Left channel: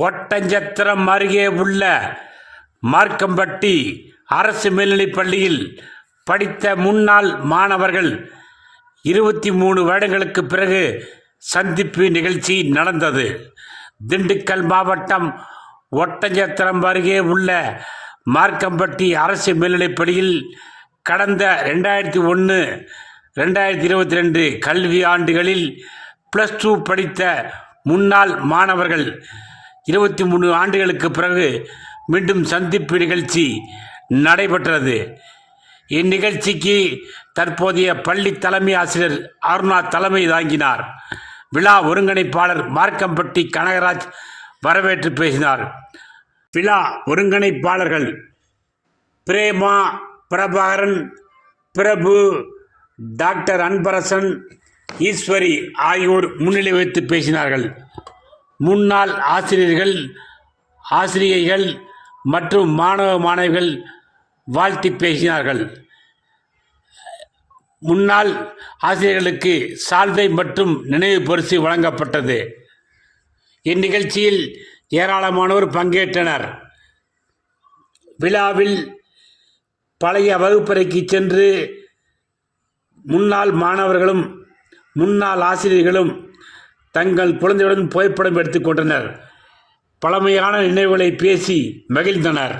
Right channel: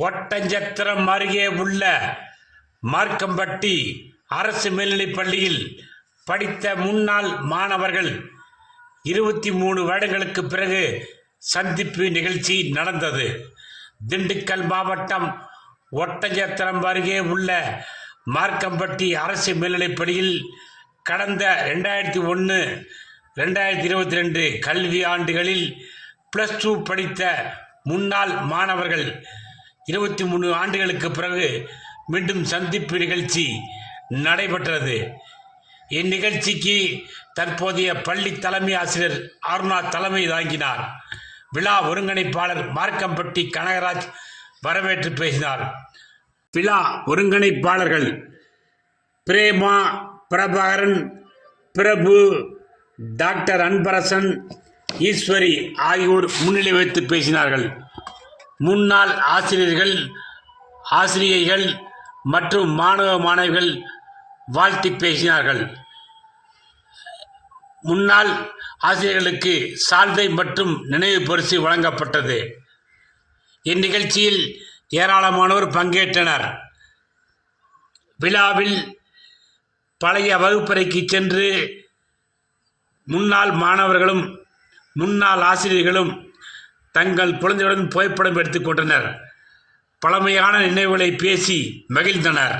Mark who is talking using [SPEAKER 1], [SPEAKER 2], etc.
[SPEAKER 1] ஒட்டஞ்சத்திரம் அருகே உள்ள மார்க்கம்பட்டி அரசு மேல்நிலைப் பள்ளியில் படித்த முன்னாள் மாணவர்கள் இருபத்தி மூணு வருடங்களுக்கு பிறகு சந்திப்பு நிகழ்ச்சி நடந்தது. திண்டுக்கல் மாவட்டம் ஒட்டஞ்சத்திரம் அருகே உள்ள மார்க்கம்பட்டி அரசு மேல்நிலைப் பள்ளியில் கடந்த ரெண்டாயிரத்தி ஒன்று ரெண்டாயிரத்தி இருபத்தி ரெண்டு கல்வி ஆண்டுகளில் ப்ளஸ் டூ படித்த முன்னாள் மாணவர்கள் இருபத்தி மூணு ஆண்டுகளுக்கு பிறகு மீண்டும் சந்திப்பு நிகழ்ச்சி நடைபெற்றது. இந்நிகழ்ச்சிக்கு தற்போதைய பள்ளி தலைமை ஆசிரியர் அருணா தலைமை தாங்கினார். விழா ஒருங்கிணைப்பாளர் மார்க்கம்பட்டி கனகராஜ் வரவேற்று பேசினார். விழா ஒருங்கிணைப்பாளர்கள் பிரேமா பிரபாகரன் பிரபு டாக்டர் அன்பரசன் ஈஸ்வரி ஆகியோர் முன்னிலை வைத்து பேசினார்கள். முன்னாள் ஆசிரியர்கள் ஆசிரியைகள் மற்றும் மாணவ மாணவிகள் வாழ்த்தி பேசினார்கள். முன்னாள் ஆசிரியர்களுக்கு சால்வை மற்றும் நினைவு பரிசு வழங்கப்பட்டது. இந்நிகழ்ச்சியில் ஏராளமானோர் பங்கேற்றனர். விழாவில் பழைய வகுப்பறைக்கு சென்று முன்னாள் மாணவர்களும் முன்னாள் ஆசிரியர்களும் தங்கள் குழந்தையுடன் புகைப்படம் எடுத்துக்கொண்டனர் பழமையான நினைவுகளை பேசி மகிழ்ந்தனர்.